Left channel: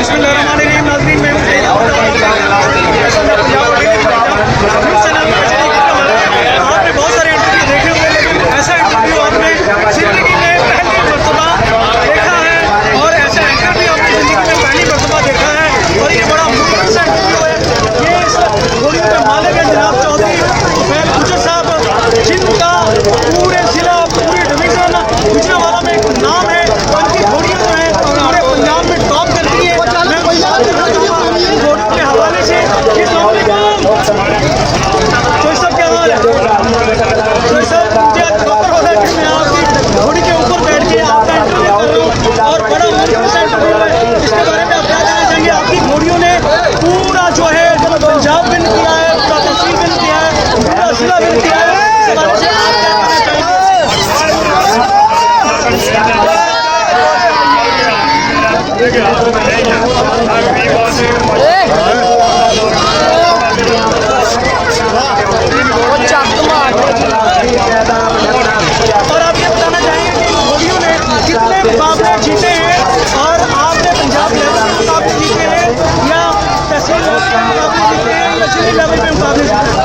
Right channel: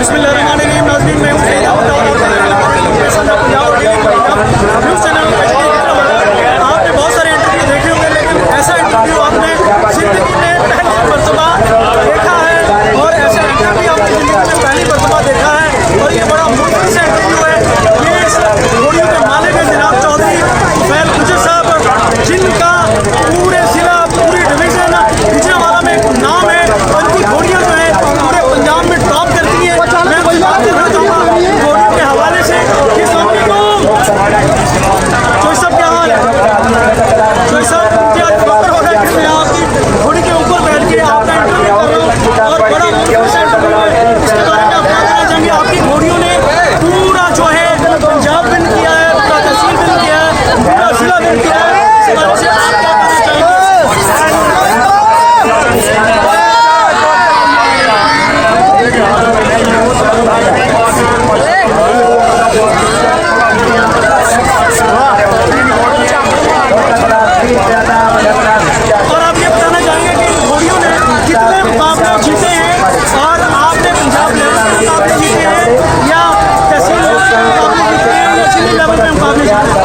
बिस्मिल्लाहिर्रहमानिर्रहीम। नाज़रीन, मैं हूं सईद अहमद और आप देख रहे हैं पंजाब और डेली पंजाब न्यूज़ चैनल में। आपने बहुत सारे इंटरव्यू देखे होंगे, लेकिन ऐसा इंटरव्यू आपने ज़िंदगी में पहली मरतबा देखा है और ऐसा एंकर भी आपने ज़िंदगी में पहली मरतबा देखा है। और ये बड़ा मुश्किल सा इंटरव्यू है। ये इस घोड़ियों के मालिक है जनाब चौधरी तुफैल गुजर साहब, जिनका पूरे ज़िला पूरी डिवीज़न गुजरांवाला में एक नाम है और इनकी घोड़ियाँ जो है पूरे पंजाब में टॉप करती है। मैं उनसे बात करना चाहूँगा घोड़ियों के हवाले से। चौधरी साहब क्या हाल है? चौधरी साहब, मुझे आज फख्र हो रहा है कि मैं आपकी घोड़ी के ऊपर बैठ के आपका इंटरव्यू कर रहा हूँ और बड़ा मुश्किल सा इंटरव्यू है। इसके बारे में आप क्या कहना चाहेंगे? आपकी घोड़ियों ने पूरा जो है पंजाब विन किया है, पूरा तहसील विन किया है, पूरा जिला विन किया है। इस बारे से आप क्या कहना चाहेंगे? और आप ये बताना चाहेंगे कि इन घोड़ियों ने कितने मुकाबले जीते हैं और आपने पंजाब लेवल पे मुकाबले जीते हैं या तहसील लेवल पे मुकाबले जीते हैं या जिले लेवल पे मुकाबले जीते हैं?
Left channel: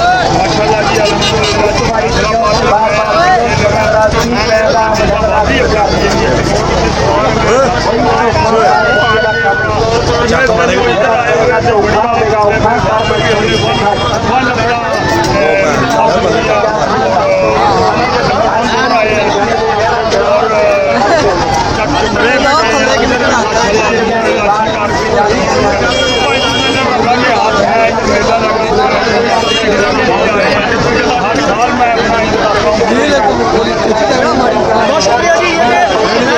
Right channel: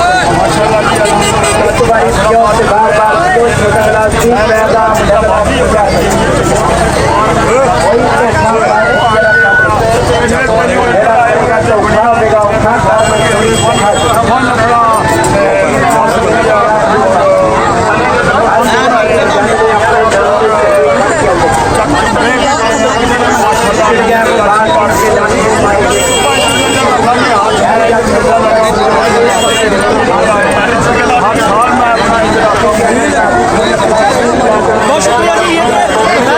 बहुत शुक्रिया जी। ये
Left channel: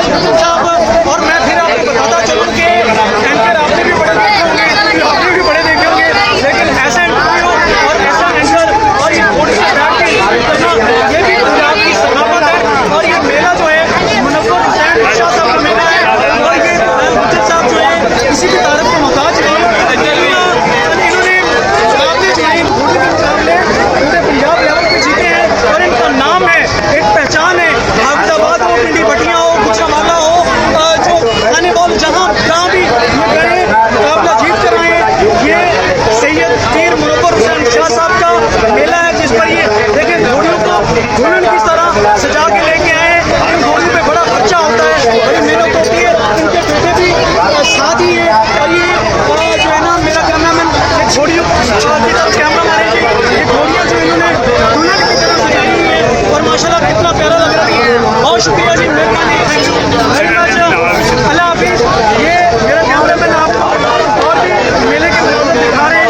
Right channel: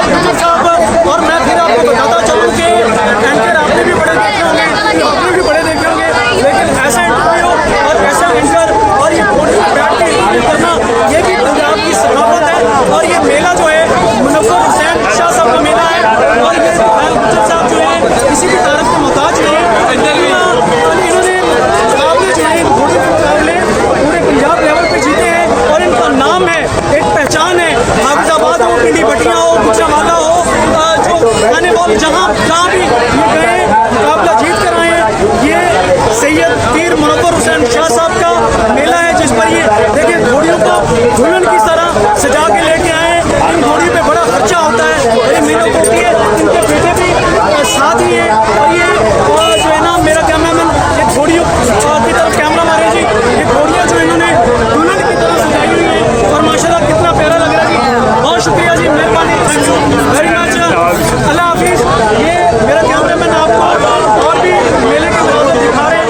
गुजर साहब। और मैं फिर आपको बताता चलूँ कि एंकर आपने भी बड़े देखे होंगे, इंटरव्यू आपने भी बड़े देखे होंगे, लेकिन ऐसा इंटरव्यू और ऐसा एंकर और ये घोड़ी से बैठ के इंटरव्यू करना, ये भी पंजाब की सकाफत है। और ये मेला जो है मुनव्वर हुसैन शाह साहब का मेला है और ये गुजर साहब जो है किसी भी तारीफ के मोहताज नहीं। इन्होंने मुकाबले जो है घोड़ी के मुकाबले पूरे पंजाब लेवल पे जीते हैं और इनका नाम है, एक पहचान है। हाफिजाबाद हो, पिंडी भटियाँ हो, गुजरांवाला हो, जो आने वाले जहाँ भी मुकाबला जीत कर आए हैं, ये सैयद पीर मुनव्वर हुसैन शाह साहब का मेला है, जिस पर ये देखिए घोड़ियों को दुल्हन की तरह सजा के लेके आए हैं। इन घोड़ियों पे बड़ा खर्चा होता है, बड़ी मेहनत होती है। इनके बेटे भी साथ ही है और ये जो है ना, मेरा कैमरामैन ये घोड़ियों की तरफ कैमरा मारे जी। ये घोड़ियाँ जो इन्होंने दुल्हन की तरह सजाई हुई है और माशाल्लाह कितना प्यारा लग रहा है। बहुत शुक्रिया जी, मेहरबानी, थैंक यू वेरी मच, अल्लाह हाफिज़। ये मेरा कैमरामैन आपको और भी मेले के हमारे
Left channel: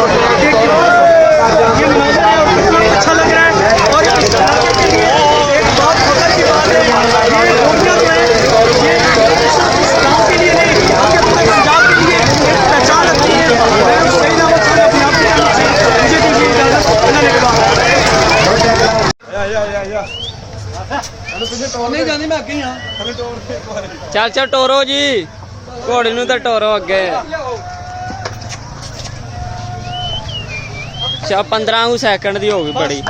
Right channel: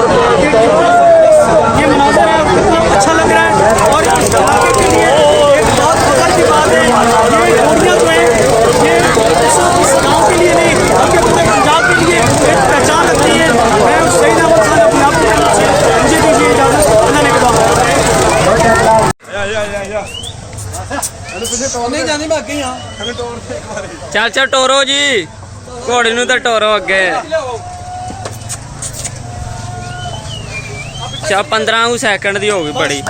ये मनाज़र है कितना अच्छा लग रहा है और इस इलाके के लिए एक बहुत फख्र की बात है। ये घोड़ियाँ जो है ये सिर्फ इस गाँव के लिए नहीं बल्कि पूरे पंजाब के लिए एक पहचान रखती है। मैं उस सईद अहमद खान अपनी आपकी तरफ से मुझे दीजिए इजाज़त। बनाने के बाद नहीं जानी, मैं अगे हाँ। चल चल टोरो जी, घोड़ी नूं तां टोरो अगे। चल 15 सैकंड दी हो गई बड़ी।